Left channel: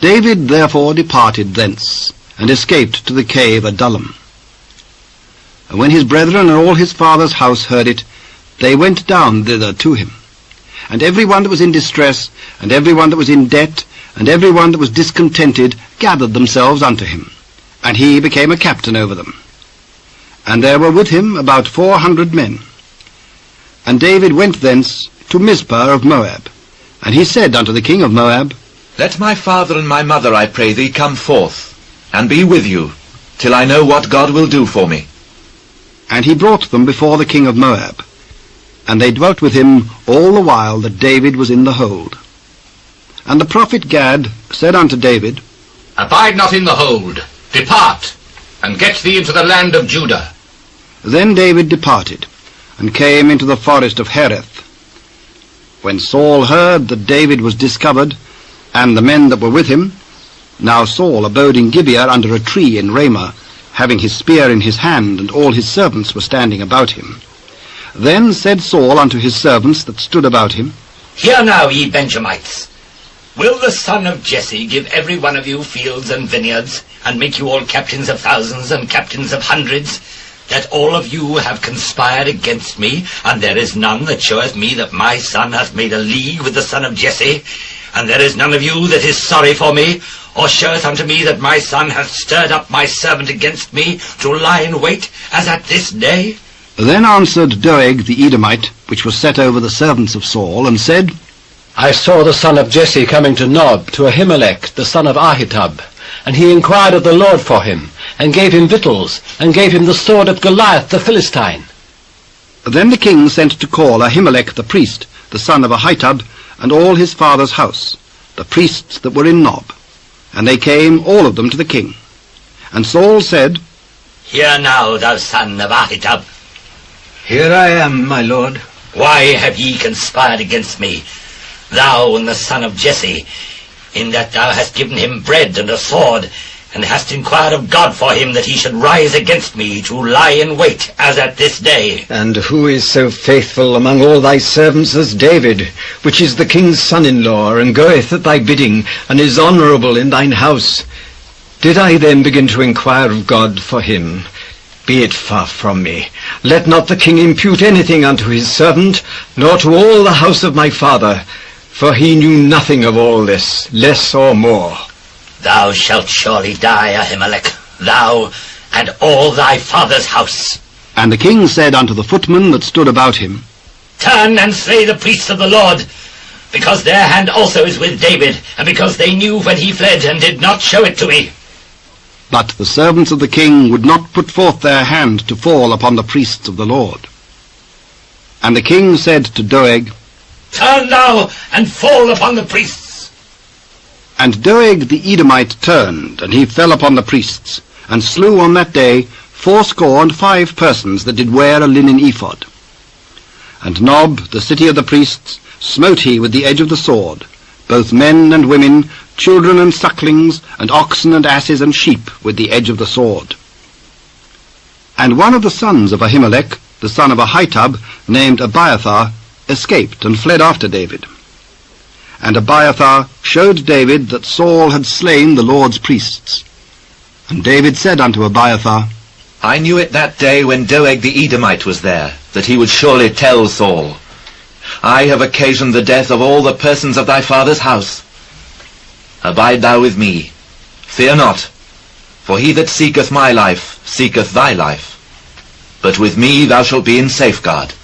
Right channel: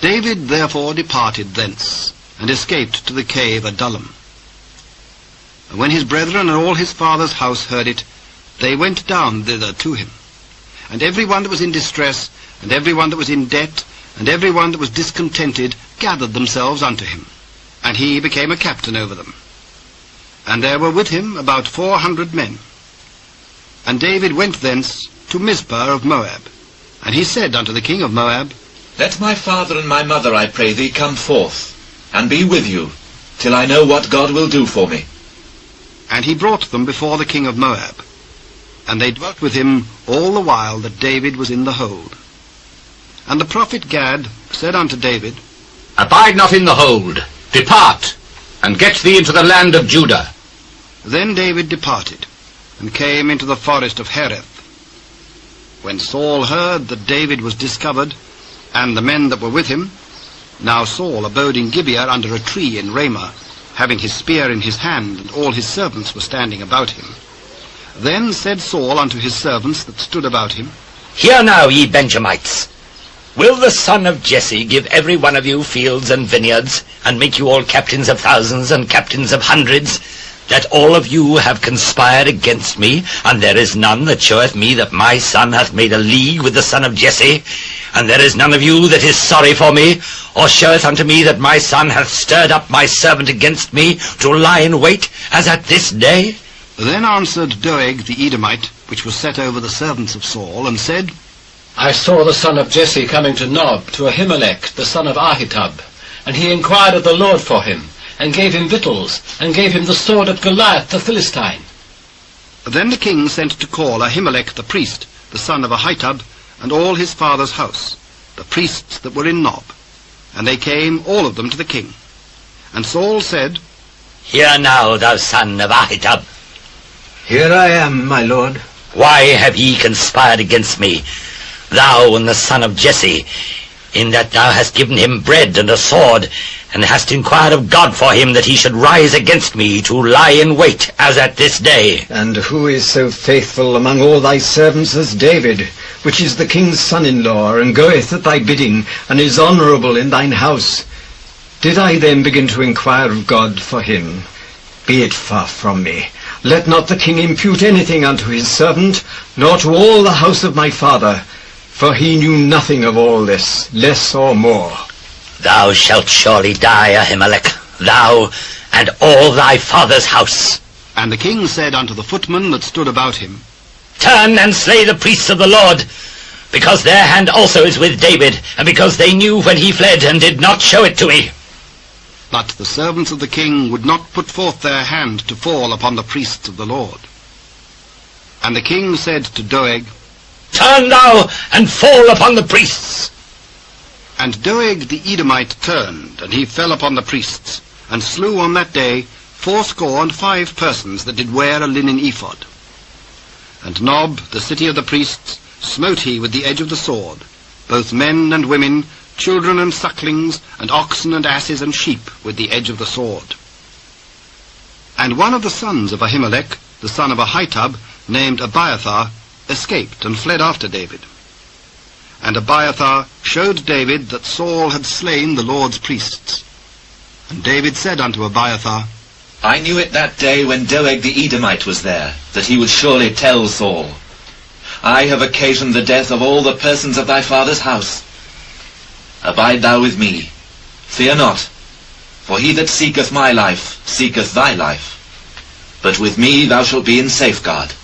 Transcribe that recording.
David therefore departed thence, and escaped to the cave Adullam. And when his brethren and all his father's house heard it, they went down thither to him. And every one that was in distress, and every one that was in debt, and every one that was discontented, gathered themselves unto him. And he became a captain over them. And there were with him about 400 men. And David went thence to Mizpeh of Moab. And he said unto the king of Moab, Let my father and my mother, I pray thee, come forth, and be with you, till I know what God will do for me. And he brought them before the king of Moab. And they dwelt with him all the while that David was in the hold. And the prophet Gad said unto David, Abide not in the hold, depart, and get thee into the land of Judah. Then David departed, and came into the forest of Hareth. When Saul heard that David was discovered, and the men that were with him, now Saul abode in Gibeah under a tree in Ramah, having his spear in his hand, and all his servants were standing about him. Then said Saul unto his servants that stood about him, Hear now, ye Benjamites, will the son of Jesse give every one of you fields and vineyards, and make you all captains of thousands and captains of hundreds, that all of you have conspired against me, and there is none that showeth me that my son hath made a league with the son of Jesse, and there is none of you that is sorry for me, or showeth unto me that my son hath stirred up my servant against me, to lie in wait, as at this day? Then answered Doeg the Edomite, which was set over the servants of Saul, and said, I saw the son of Jesse coming to Nob, to Ahimelech, the son of Ahitub, and he inquired of the Lord for him, and gave him victuals, and gave him the sword of Goliath the Philistine. Then the king sent to call Ahimelech the priest, the son of Ahitub, and all his father's house, the priests that were in Nob. And they came all of them to the king. And Saul said, Hear now, thou son of Ahitub. Here I am, my lord. Why have ye conspired against me, thou and the son of Jesse, in that thou hast given him bread and a sword, and hast inquired of God for him, that he should rise against me, to lie in wait, as at this day? And who is so faithful among all thy servants as David, which is the king's son-in-law, and goeth at thy bidding, and is honourable in thine house? Did I then begin to inquire of God for him? Be it far from me. Let not the king impute anything unto his servant, nor to all the house of my father, for he knew nothing of all this, less or more. Thou shalt surely die, Ahimelech, thou and all thy father's house. And the king said unto the footmen that stood about him, Turn and slay the priests of the Lord, because their hand also is with David, and because they knew when he fled, and did not show it to me. But the servants of the king would not put forth their hand to fall upon the priests of the Lord. And the king said to Doeg, Turn thou, and fall upon the priests. And Doeg the Edomite turned, and he fell upon the priests, and slew on that day 75 persons that did wear a linen ephod. And Nob, the city of the priests, smote he with the edge of the sword, both men and women, children and sucklings, and oxen and asses and sheep, with the edge of the sword. And one of the sons of Ahimelech, the son of Ahitub, named Abiathar, escaped and fled after David. And Abiathar showed David that Saul had slain the Lord's priests. And David said unto Abiathar, I knew it that day when Doeg the Edomite was there, that he would surely tell Saul, I have occasioned the death of all the persons of thy father's house. Abide thou with me, fear not, for he that seeketh my life seeketh thy life. But with me thou shalt be in safeguard.